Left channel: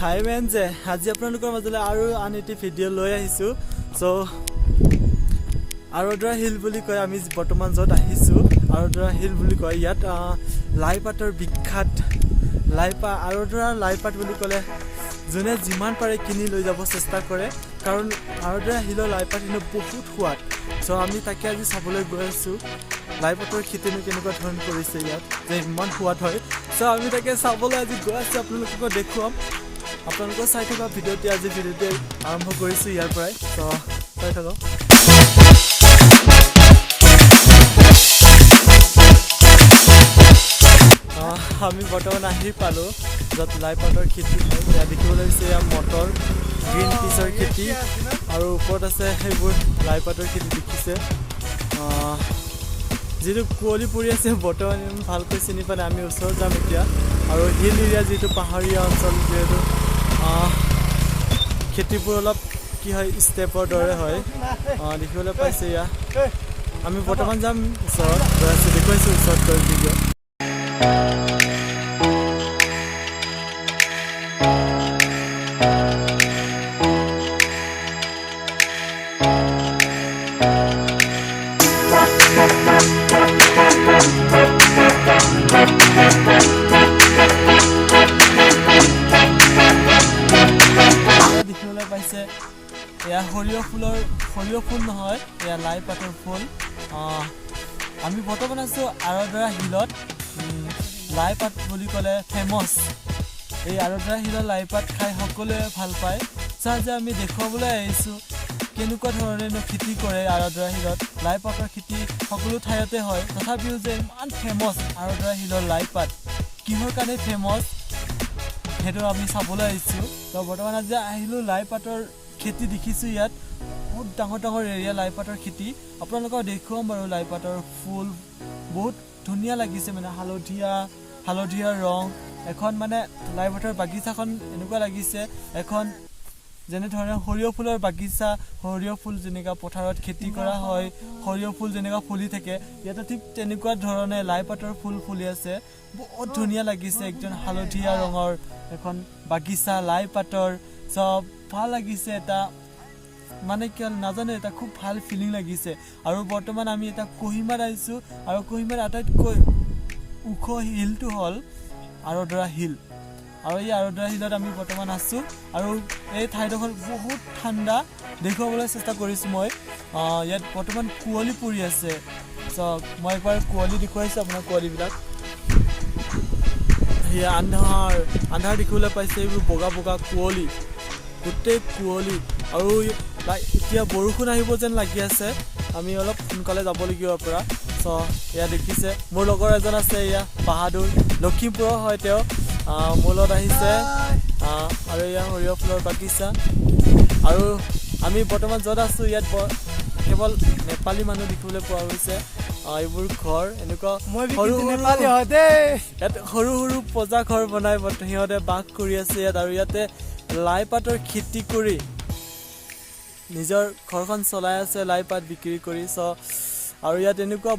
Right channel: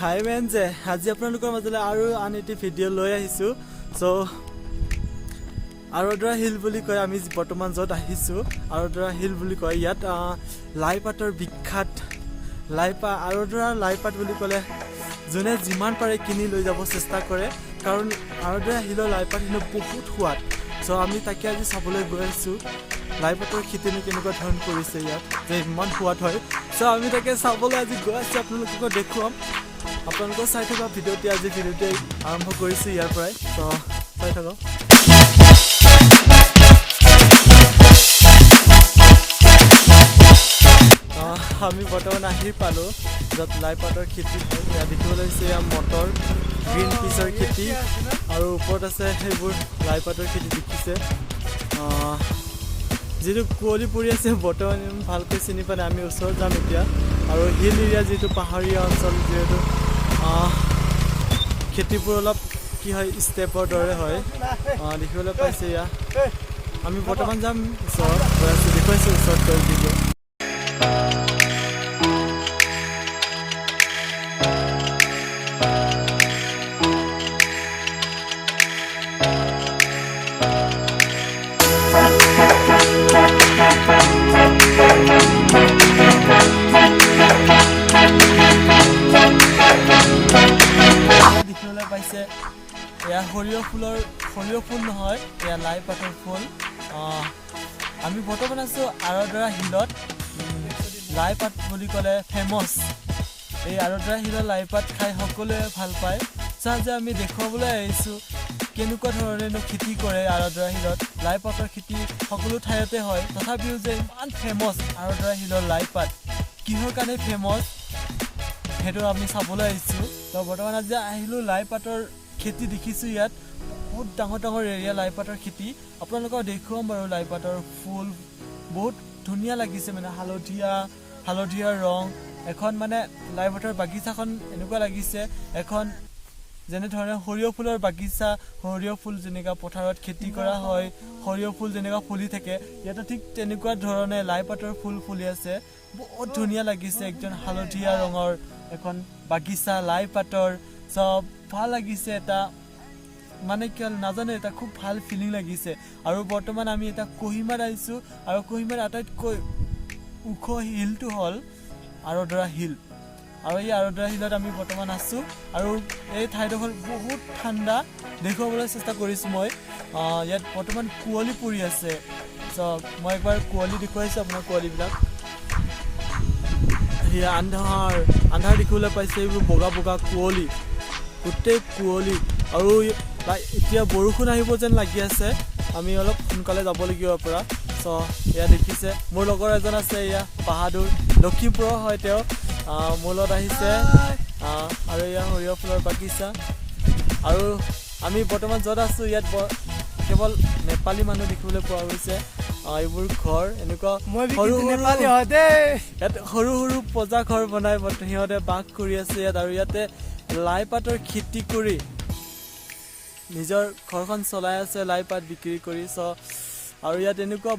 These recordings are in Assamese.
হাই মেনজে আজি আপোনালোকৰ মাজলৈ আৰু আন এটি ভিডিঅ' লৈ আহিছোঁ। চ' আৰদ্ৰা হিল বুলি কয়, আমি বৰ্তমান য'ত আহিছোঁ আৰদ্ৰা হিল বুলি কয়। ইয়াত লাইপাতৰ বিখ্যাত আৰদ্ৰা লাইপাত বুলি ক'লে যোনে যিমান পাৰে কিনি লৈ যাব চেষ্টা কৰে, কাৰণ আৰদ্ৰা হিলৰ লাইপাত কিন্তু বহুত সোৱাদ। চ' আমি তাকে আজি চাবলৈ গৈ আছোঁ লাইপাতৰ খেতিনো কেনেকুৱা ধৰণ কৰিছে ইয়াত, যে ইমান সোৱাদ হয়। চ' আমি তাকে চাবলৈ আজি গৈ আছোঁ, আপোনালোকক দেখুৱাম। আপোনালোকৰ চাই থকা ভিডিঅ'টি আৰম্ভ কৰিছোঁ ইয়াৰ পৰাই। চ' চাই থাকক। আমি বৰ্তমান আহি পালোঁ য'ত লাইপাতৰ খেতি হয়। ইয়াত দেখিবলৈ হৈছে এয়া মটৰ, গ্ৰীণ পিচৰ খেতি, আৰু ওপৰত আছে সেইবোৰ লাইপাতৰ খেতি দেখিছে। যিটো কুঁৱলী পৰি আছে বৰ্তমান ভালকৈ চিনি পালে। আমি ওচৰত যাম এতিয়া, আৰু হিল এৰিয়া যিটো পাহাৰীয়া অঞ্চল, যিহেতু খেতিবোৰ অলপ কি হয় ষ্টেপৰ দৰে হয় দেখিবলৈ পাইছে। এয়া আমি বৰ্তমান যাম ওচৰত গৈ আছোঁ, দেখুৱাইছোঁ ওচৰত গৈ ভিডিঅ'। দেখিবলৈ পাইছে এয়া সৰিয়হ ফুল নহয়, এয়া লাইপাতৰ ফুল। আমি বৰ্তমান আছোঁ আৰদ্ৰা হিলত। লাইপাত বুলি ক'লে ফেমাছ। এই আৰদ্ৰা হিলৰ লাইপাত খাই সকলোৱে ভাল পায়। যে আমি দেখুৱাবলৈ আহিছোঁ কেনেকুৱা ধৰণেনো খেতি কৰে আৰদ্ৰা হিলত। লাইপাতৰ খেতি সকলো ঠাইতে হয়, তথাপিও যে ইমান ফেমাছ আৰদ্ৰা হিলৰ লাইপাত, কিহৰ কাৰণে ফেমাছ সেইটো আমি চাবলৈ আহিছোঁ। তো বৰ্তমান আজি আহিলোঁ লাইপাতৰ খেতি দেখিছোঁ। ইয়াত বহুত ডাঙৰ এৰিয়া লাইপাতৰ খেতি। আপোনালোকক দেখুৱাম বাৰু। লাইপাতৰ ফুল বহুত ধুনীয়া লাগিছে, মানে হালধীয়া ৰং। এখন মানে লাইপাতৰ বাগিচাখন এনেকুৱা লাগিছে এখন যেনেধৰণে সৰিয়হ ফুলৰ বাগিচা, সৰিয়হ ফুল যেনেকুৱা পথাৰত খেতি কৰা হয়, সৰিয়হ ফুল যেনেকুৱা ফুলি থাকে, ইয়াতে ঠিক তেনেকুৱা ধৰণে লাইপাতৰ ফুল ফুলি আছে। বহুত ধুনীয়া লাগিছে, একদম হালধীয়া ৰঙৰ এখন বাগিচা লাইপাতৰ। চব ভাল লাগিছে, এটা মানে কি হ'ল নাজানো, এটা খুব ভাল ফিলিং লাগিছে। আৰু বৰ্তমান আমি এটা কহিমাত আহিছোঁ, আৰু কহিমাৰ আটাইতকৈ ওখ হিলটো হ'ল আৰদ্ৰা হিল। আৰু এই আৰদ্ৰা হিলত আমি বৰ্তমান আছোঁ, আৰু এই ঠাইডোখৰ বহুত ঠাণ্ডা দেখুৱাবলৈ চেষ্টা কৰিছোঁ মই। ইয়াত বৰ্তমান কুঁৱলী পৰি আছে। চ' মই একবাৰ কুঁৱলী দেখুৱাইছোঁ আপোনাৰ, কুঁৱলীবিলাক সেয়া আন্ধাৰ দেখিবলৈ পাইছে। এইবোৰ বগা কুঁৱলী, গোটেই কুঁৱলী, আৰু এতিয়া বৰষুণ আহিব যেন লাগি আছে। আমি অলপ সোনকালে যাব লাগিব ইয়াৰ পৰা। চ' এয়া দেখিছে মোৰ লগৰ এজন আছে, এয়া বাহাদুৰ, লখিমপুৰৰ হয় তেওঁ। মোৰ লগত আহিছে, আৰু এয়া সৰিয়হ ফুলৰ বাগিচা। আৰু আমি বৰ্তমান য'ত আছোঁ ইয়াত কেৱল নেপালী মানুহ দেখিবলৈ পোৱা গৈছে। এইবোৰ ঘৰ এনেকুৱা ইয়াত সৰু পজা ঘৰ বনাই সিহঁতে বাস কৰি আছে ইয়াত। আৰু ইয়াতে লাইপাতৰ খেতি কৰি নিজৰ ঘৰখন চলাই আছে, লাইপাত বিক্ৰী কৰি। আৰু ইয়াত এনেকুৱা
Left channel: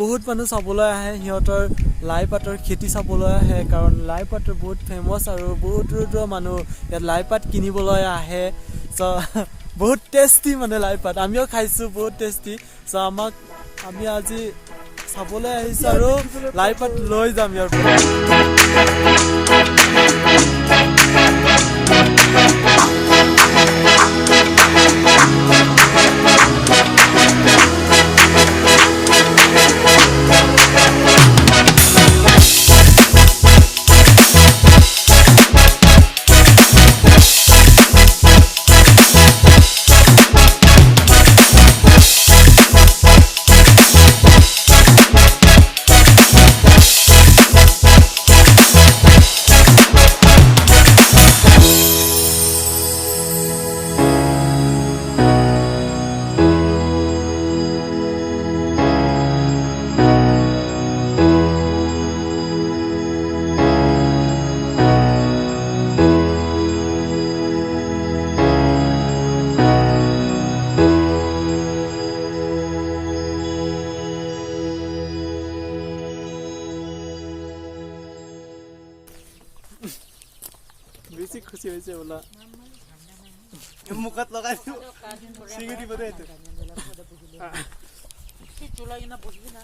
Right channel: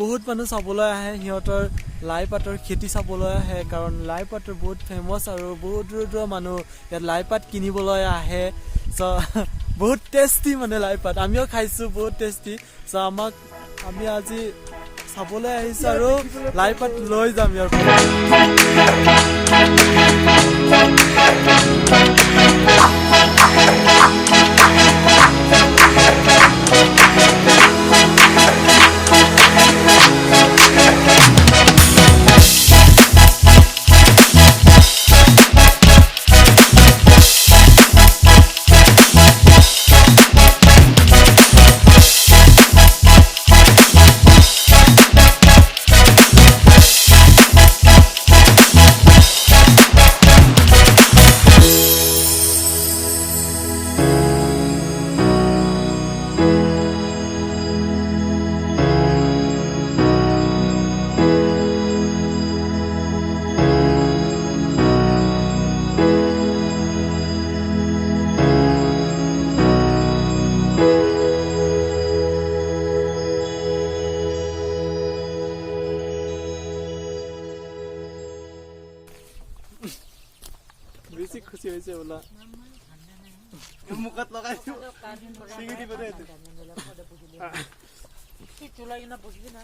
বহুত মানুহ চাবলৈ আহে, সিহঁতৰ লাইপাতৰ খেতি চাবলৈ আহে, কাৰণ লাইপাতৰ বহুত ফেমাছ, আৰু বহুত দূৰৰ মানুহ ইয়াত লাইপাত কিনিবলৈ আহে। বহুত টেষ্টি মানে লাইপাত, আমিও খাইছোঁ, বহুত টেষ্টি। আমি আজি চাবলৈ আহিছোঁ, আৰু লাইপাত লৈ যাম ইয়াৰ পৰা। বেছি খুশি হৈছে বোলা মুখত লগাই চিঙি দিব দে চলাই কিনা বসবি না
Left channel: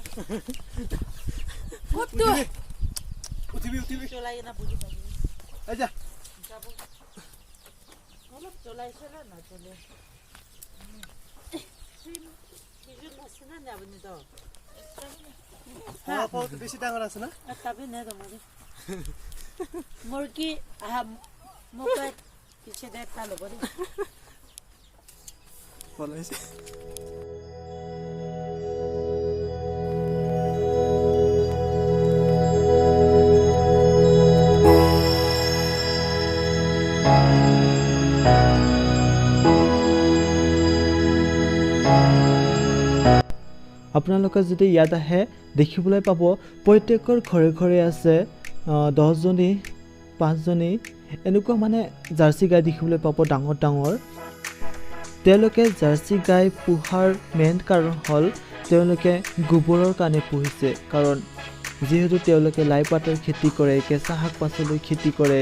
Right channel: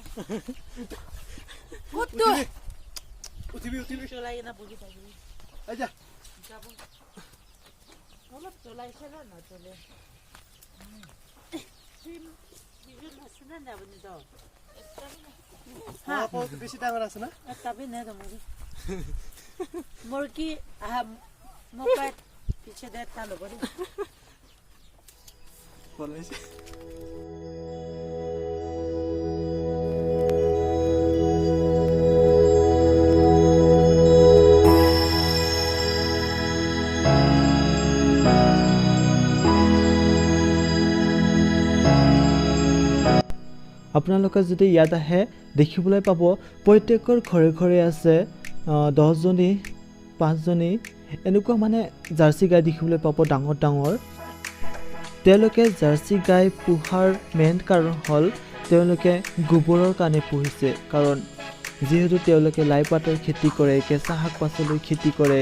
উঠিবি চলাই কিনা বসি থাকি আচ্ছা অলপ চলাইছে না চলে কিছু নাছিলে না আপনি তো হ্যাঁ বহুত বেশি ডাঙর আছে না তবে না তোমারে মুরগি মোকাত পিছে দে তালো বলি বলাইছে আপোনালোকে যদি ইয়াত আহে দেখিবলৈ পাব প্ৰত্যেকৰ ঘৰে ঘৰে আছে 10 জনী 5 জনী এনেকুৱা মানে জাৰ্চি গাই দেখিবলৈ পাব ডাঙৰ ডাঙৰ তেওঁলোকে জাৰ্চি গাই পোহাৰ মেইন কাৰণ হ'ল তেওঁলোকে গোবৰৰ কাৰণে পুহিছে কাৰণ যেহেতু তেওঁলোকে লাই পাতৰ খেতি কৰে কেঁচা শাক পাচলিৰ খেতি কৰে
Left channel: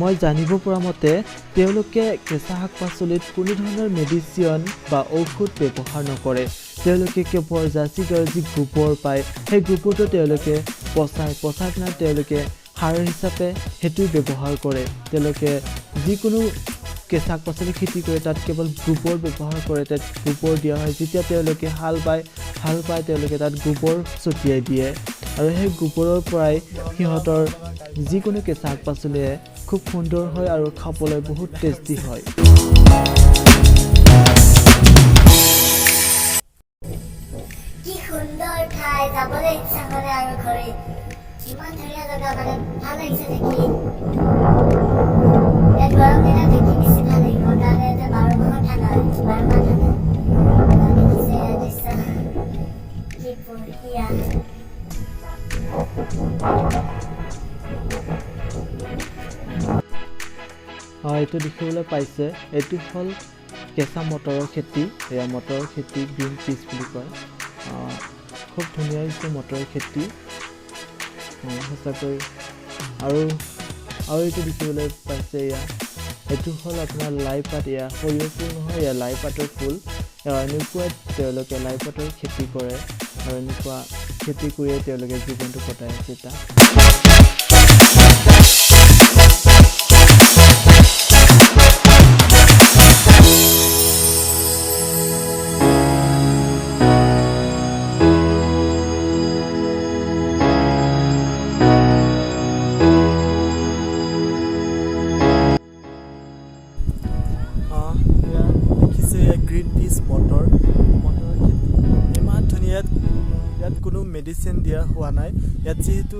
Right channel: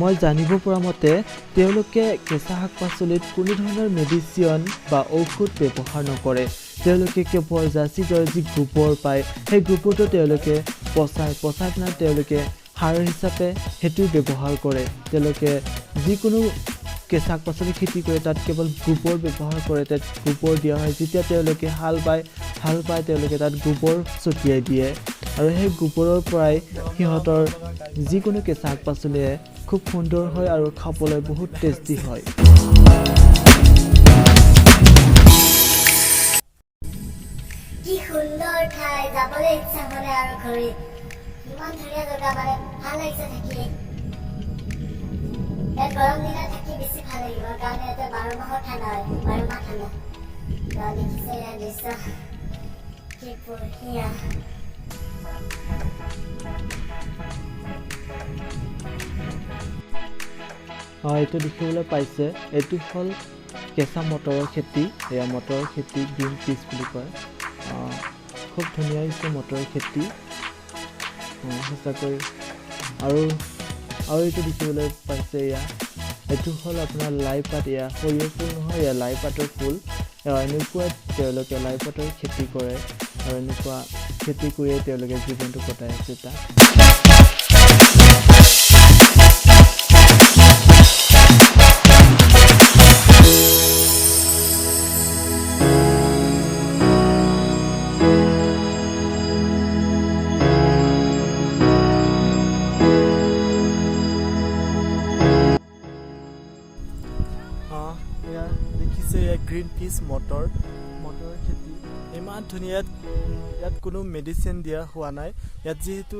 মই জানিব পৰা মতে তেওঁলোকে কেঁচা শাক পাচলিত কোনো ধৰণৰ মেডিচিন বা ঔষধ ব্যৱহাৰ নকৰে তেওঁলোকে কেৱল জাৰ্চি গাইৰ যি গোবৰ পায় সেই গোবৰটো তেওঁলোকে পচাই কিনে তেওঁলোকে সাৰ হিচাপে সেইটো ব্যৱহাৰ কৰে তেওঁলোকে যিকোনো কেঁচা শাক পাচলি খেতি কৰে তাত কেৱল গোবৰ ব্যৱহাৰ কৰে তাত গোবৰ দিয়া হয় যেতিয়া তেওঁলোকে হাল বায় তেওঁলোকে তাত গোবৰ ছটিয়াই দিয়ে আৰু সেই গোবৰৰ পৰাই সিহঁতৰ যিকোনো কেঁচা শাক পাচলিয়ে খুব সুন্দৰ হয় আৰু খাবলৈ বহুত টেষ্টি হয় কি সুন্দৰ ঠাই যাবলৈ ইচ্ছা কৰে আৰু ঘৰে কিমান ধুনীয়া জেগা মানে ভাল লাগিছে দেখি ইয়াত গৰম দিনত দেখি বেছি ভাল লাগিব কাৰণ ইয়াতে 12 মাহ ঠাণ্ডা 12 মাহ ঠাণ্ডা দেখিছে দৃশ্য কি বঢ়িয়া এইটো দেখিবলৈ পাইছে এইটো হ'ল কেঁচা মটৰৰ খেতি এয়া মটৰৰ খেতি গ্ৰীণ পিচ বুলি কয় খুব ধুনীয়া হৈছে মটৰৰ খেতি সঁচাকৈ আৰু এইটো দেখিবলৈ পাইছে এয়া এইটো হ'ল আপোনাৰ লাই পাত এয়া সৰিয়হ ফুল নহয় এয়া লাই পাতৰ ফুল এনেকুৱা তেওঁলোকে লাই পাতৰ খেতি কৰে আৰু এনেকুৱা খেতি কৰিয়ে তেওঁলোকে জীৱনটো কটাই আছে তাত গ্ৰীণ পিচ মটৰৰ খেতি ইমান ধুনীয়া ইয়াত কোনো মেডিচিন দিয়া হোৱা নাই ইয়াত যিহেতু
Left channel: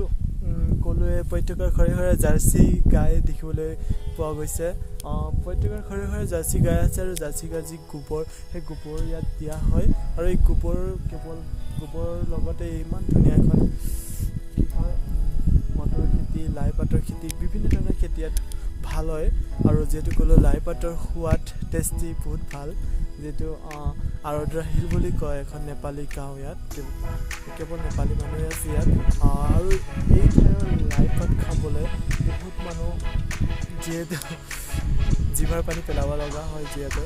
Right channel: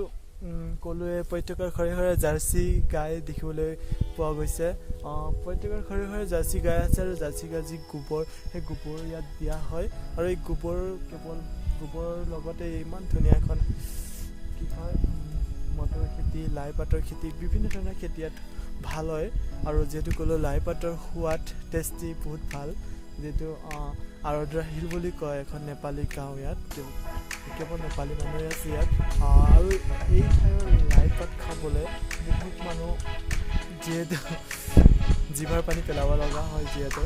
ক'লোৱে প্ৰত্যেকৰ ঘৰে ঘৰে জাৰ্চি গাই দেখিবলৈ পোৱা গৈছে প্ৰত্যেকৰ ঘৰে ঘৰে জাৰ্চি গাই আছে আৰু জাৰ্চি গাই যি গোবৰ সেই গোবৰ ইয়াত দিয়া হয় আৰু এই গোবৰ কেৱল গোবৰৰ লগতে ইমান ধুনীয়া এখন কি হয় মটৰ খেতি লাই পাতৰ খেতি বিভিন্ন ধৰণৰ খেতি ইয়াত ভাল হয় আৰু যিহেতু ক'লো লাই পাতৰ সোৱাদ টেষ্টি বহুত ভাল যেটো আৰদ্ৰা হিল বুলি কয় এখন নেপালী গাঁও ইয়াত কেৱল নেপালী মানুহে আছে ইয়াত আৰু এই ঠাইৰ লাই পাত খাবলৈ বহুত মানুহ যিহেতু জিভাৰ পানী পেলাব লগা হয় যিহেতু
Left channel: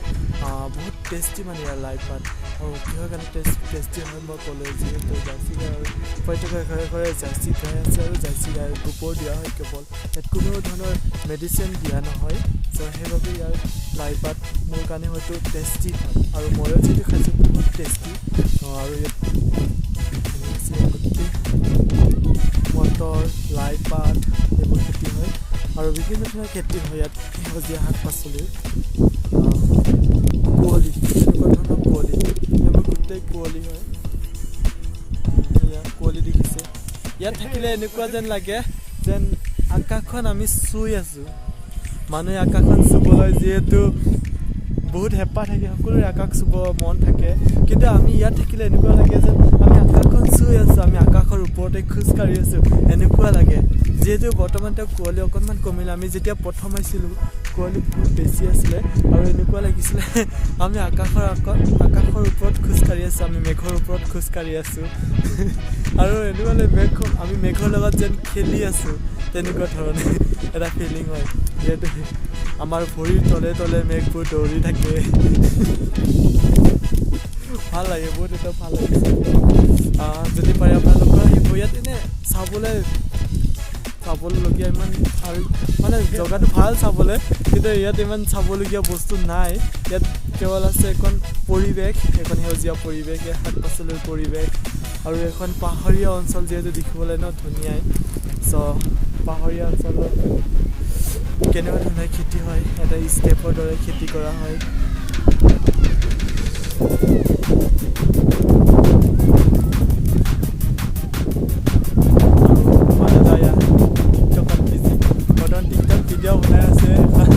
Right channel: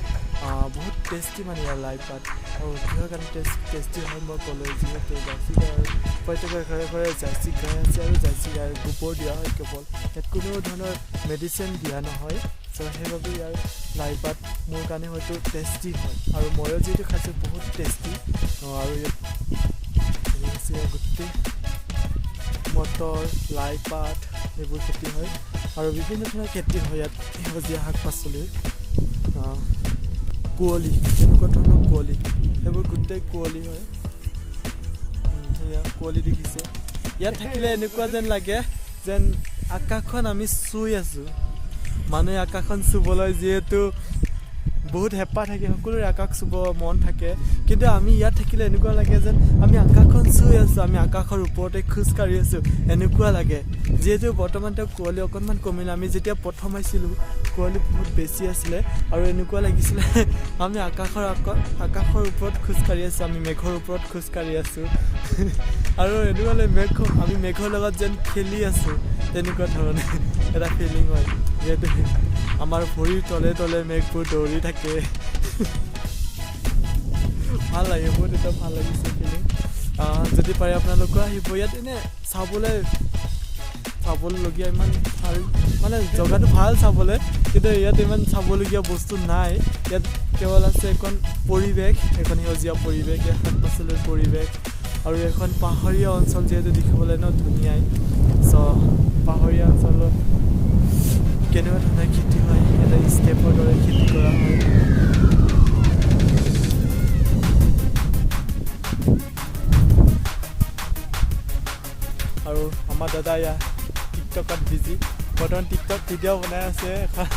বহুত টেষ্টি মানে ইয়াৰ লাই পাত আৰু কিহৰ কাৰণে টেষ্টি হয় মই ক'লোঁ যিহেতু জাৰ্চি গাই প্ৰত্যেকৰ ঘৰে ঘৰে জাৰ্চি গাই আছে আৰু জাৰ্চি গাইৰ গোবৰ দিয়া হয় কেৱল ইয়াত কোনো ধৰণৰ মেডিচিন দিয়া নহয় চ' সেইবাবে ইয়াৰ লাই পাত মোৰ কাৰণে হয়তো টেষ্টি হয় আৰু ময়ো যিটো খাইছোঁ বহুত টেষ্টি আৰু ইয়াত গোটেই মটৰ লাই পাত এইবোৰ খেতি হয় আৰু বিভিন্ন ধৰণৰ খেতি হয় ইয়াত সেউজীয়া শাক পাচলিৰ কুঁৱলী এনেকুৱা ধৰণৰ কুঁৱলী এইবোৰ গোটেই কুঁৱলী হয় কুঁৱলী দেখিছে ইয়াত থাকিলে এনেকুৱা যেন লাগে যেন আকাশখন আমি চুই আছোঁ মানুহে আকাশখন চুবলৈ যিহেতু বহুত হেঁপাহ থাকে সকলোৰে আকাশ চুব মন থাকে কিন্তু আমি ইয়াত থাকিলে এনেকুৱা লাগে যেন আমি আকাশখন চুই আছোঁ আমি আকাশৰ ওপৰতে খোজকাঢ়ি আছোঁ এনেকুৱা লাগে যিহেতু বৰ্তমান তেওঁ কুঁৱলী অকণমান কমিলে আমি যেতিয়া প্ৰথম আহিছিলোঁ কুঁৱলী বহুত বেছি আছিলে আৰু এনেকুৱা লাগিছিলে আমি আকাশৰ ওপৰত খোজকাঢ়ি আছোঁ আমি মেঘৰ ওপৰত খোজকাঢ়ি আছোঁ আৰু এনেকুৱা লাগে আমি মেঘৰ লগত যেন খেলি আছোঁ তেনেকুৱা ধৰণে এটা ফিলিং হয় যিহেতু আমাৰ ভৰিৰ তলে তলে মেঘবোৰ দৌৰি থাকে ভাল লাগে বহুত এটা ভাল লাগিছে যদি পাৰে আপোনালোকৰ আহিব ইয়াত এনে চাবলগীয়া ইমান ভাল মানে জেগাটো ভাল চাবলৈ কিন্তু ইয়াত ইমান চাবলগীয়া বস্তু নাই ইয়াত কেৱল আছে এখন পৰিৱেশ এখন সেউজীয়া পৰিৱেশ শাক পাচলিৰ পৰিৱেশ আৰু এখন পাহাৰীয়া অঞ্চল যিহেতু দেখিবলৈ ন ধুনীয়াই চ' পাহাৰীয়া অঞ্চলত কেনেকুৱা ধৰণৰ খেতি হয় এটা ষ্টেপৰ দৰে খেতি কৰা হয় আৰু মানুহ টিকটকত বৰ্তমান টিকটক ভিডিঅ' বনাই আছে